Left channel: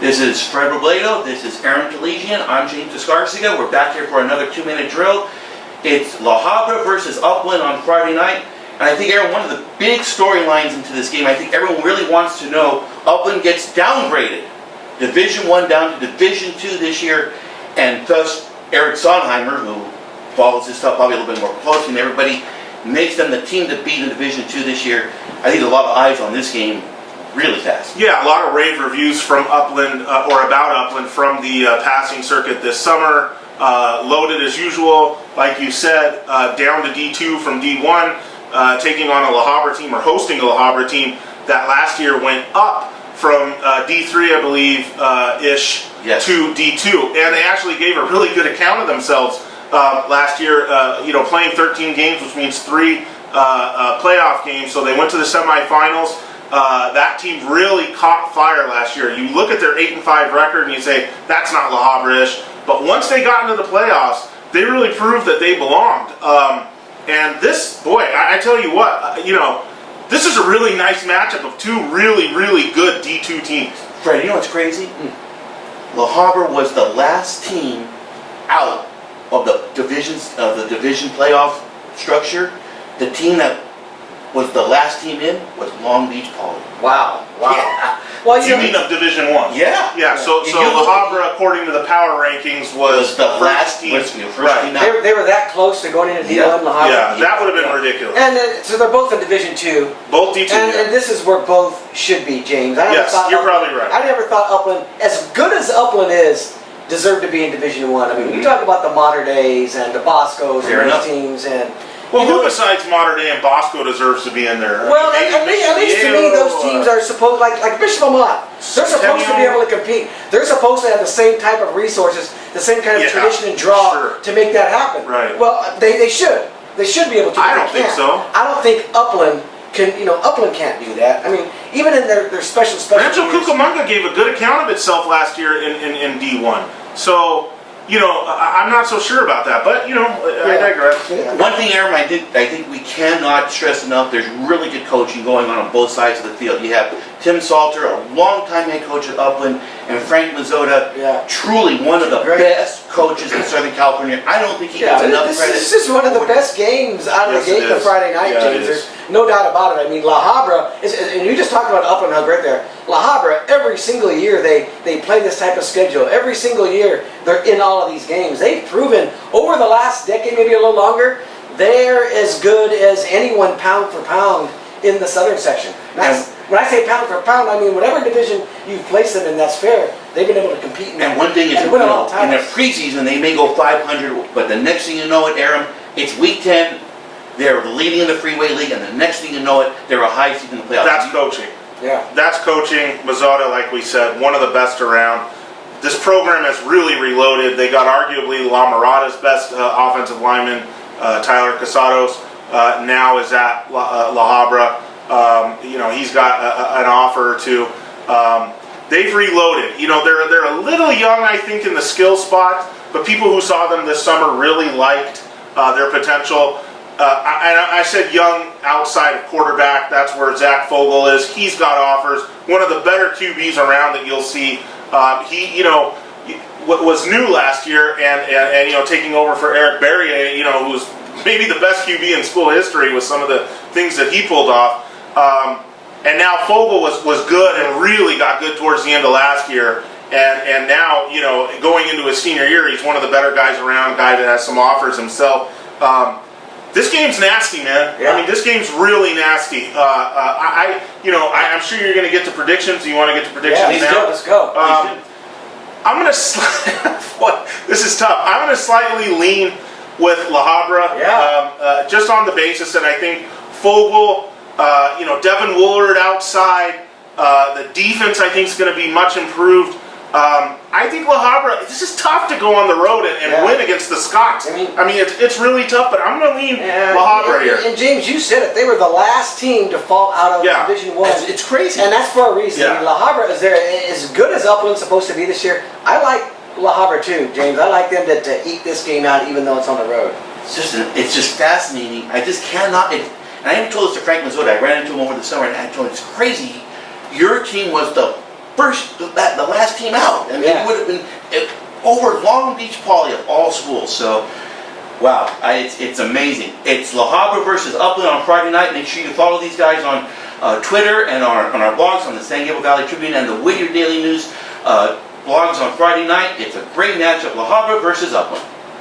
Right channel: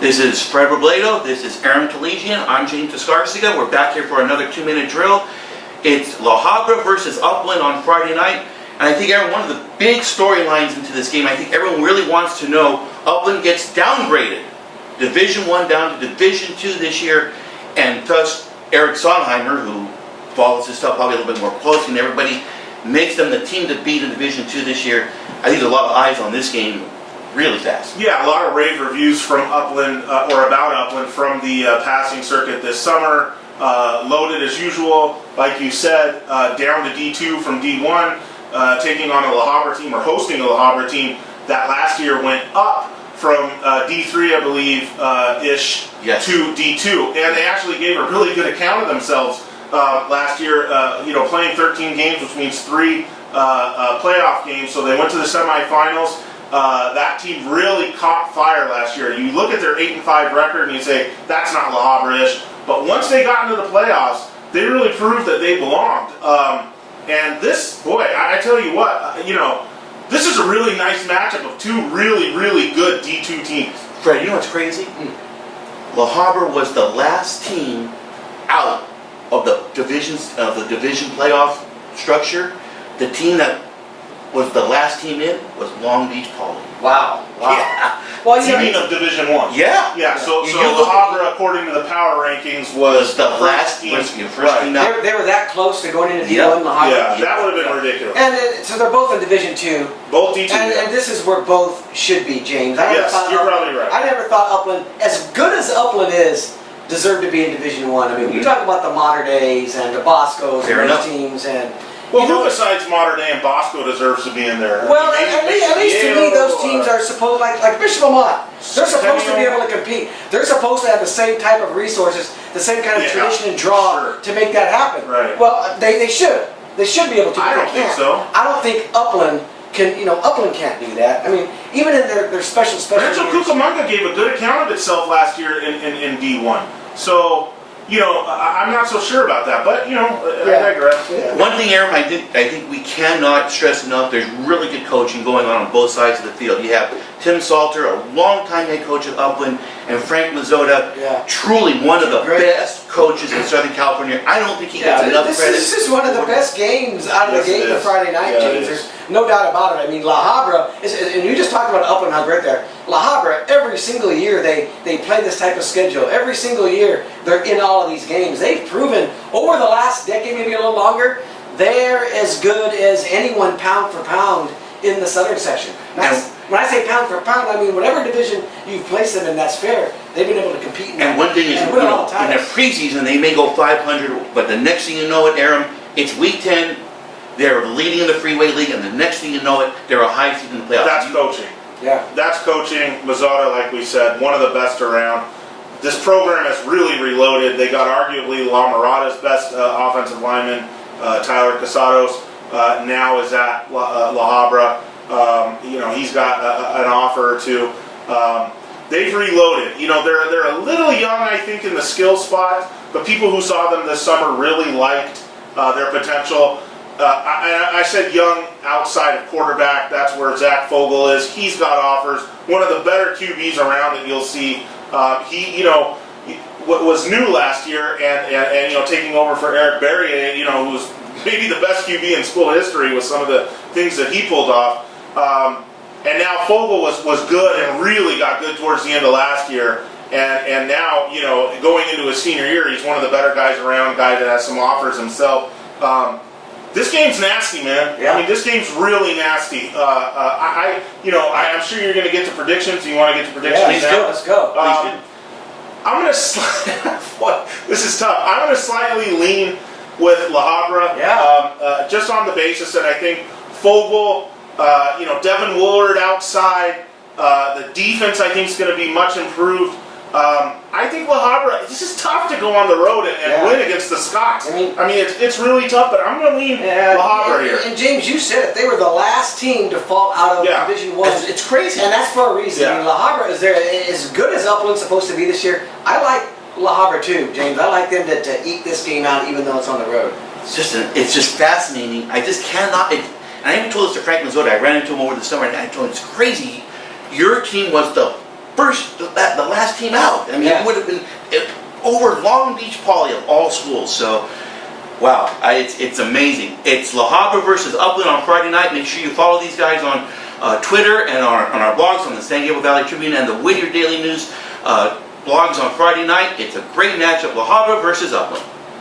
This is Fred Robledo, this is Aram Tolegian, I'm James Escarcega. We're back here for another 2-minute drill. It's La Habra versus Upland on Friday night. And I think, Aaron, one of the big storylines into this game, I think everyone really wants to know, Upland gets downgraded. Division 1 down to Division 2 this year. And thus, Eric Sonheimer, who follows this stuff probably a little bit more closely than everybody, makes them the team to beat in Division 2 this year. I think there's a lot of eyes on this game really fast. Yeah, a lot of rave reviews from Upland, or about Upland from the passing circuit this summer. Loaded as usual, like you said, down to D2 from D1, taking on a La Habra team, or hosting a La Habra team that last year went up from D3, I believe, ish, yes, to D2. And they actually gave a really good account of themselves last year, playing 13 games, which means 3 playoff games. So they went to the semifinals. That team really caught fire last year. You look at their 8-5 record and you say, that's not La Habra-ish. But once they got into the playoffs, they really proved that they belonged. And this, boy, I tell you what, this is a really nice matchup of 2 really, really good D2 teams. Fred, you know what's crazy? La Habra was the last team out of the division playoff structure. The team that was the last team in was Long Beach Poly. Wow. Yeah. Well, You mean of Division 1? Yeah. Yeah, so La Habra, according to the power rankings, was the first team. team. First team out. they were that close to going into D1, Yep. La Habra. Yeah, that would have been ridiculous. And so they're both in Division 2. Both D2. And this is where both should be, James. Yes, you're probably right. I never thought Upland, as good as Upland is, deserved to be in Division 1. I mean, we talk about the Mater Days and the Boscos and those teams, and well, who besides Mater Dei and Bosco deserves to be in there? Well, at least to me, those teams are supposed, like Bishop Amat, they're supposed to be able to compete. They're supposed to have the same type of resources, the same kind of tradition and draw to make that happen. Right. Well, they should. They should be able to. I don't think so. I don't think Upland can, Upland can't do that. I mean, even in their special Rancho years. Cucamonga gave a good account of itself last year in D1. So, I'm not so sure about that, but, I digress. Yeah. One thing, Aaron, I think we cannot stress enough, there's really good coaching going on both sides of the field. You have Tim Salter, a longtime head coach at Upland, and Frank Mazzota, truly one of the best coaches in Southern California. I don't think he gets enough credit. This is one of the best games out of the gate the Friday night, James. There's no doubt about it. I mean, La Habra, and you just talked about Upland, how great they're. La Habra, every single year they play this type of schedule. Every single year they're in all of these games. They've proven over the last decade, maybe a little longer, they're as good as anyone pound for pound in the Southern section. When I say pound for pound, I mean whatever division you've placed them in, that's fair. They've been able to compete in that. And one thing is, in their preseason, they may go 500, but the next thing you know it, Aram, it's week 10, they're leading in the Freeway League, and the next thing you know it, they're a high seed in the playoffs. That's coaching. Yeah. That's coaching. Mazzotta, like we said, one of the best around. This program has really reloaded. They got arguably La Mirada's best offensive lineman, Tyler Casados, now is at La Habra. He's got an offer or two. They've reloaded. They're a little young, I think, in the skill spot, but people who saw them this summer really liked their potential. I said young outside of quarterback. That's where Zach Fogel is. He's got offers. One of the better QBs around that you'll see. He was new last year, and taking over for Eric Berrier, who was maybe the best QB in school history with some of the things that he pulled off. And now Fogel was good and really got good towards the end of last year. And now, going into his senior year, he's one of the better guys around, guy that has some offers himself. This game's nasty, man. Yeah. I mean, this game's really nasty. I'm sure you're going to get to predictions. You want to get to predictions now? Let's go. I'm going to this is tough. I'm going to slightly lean with La Habra, just on the basis that I think Fogel, Devin Woolard outside, the defense I think is going to be much improved. I think La Habra, this is tough to go on the road and win against the Scots. I mean it's really tough, but I'm going to lean La Habra here. And James, you said it. They were the last team to fall out of Division 1. It's crazy. And that's for a reason. I mean, La Habra is there. As good as Upland's supposed to be this year, I like La Habra too, James. I like them to eke this game out even though it's on the road. It's just fascinating. I just cannot... and I even told this to Frank Mazzota. I ran into him over the summer, and I told him, it's crazy. Your team was the the last team out. I mean, Yeah. it would have been over Long Beach Poly of all schools. So, wow, it's amazing. It's La Habra versus Upland on Friday night. Make sure you follow these guys on Twitter and on our blogs on the San Gabriel Valley Tribune and the Whittier Daily News blogs on Friday night. It's a great matchup, La Habra versus Upland.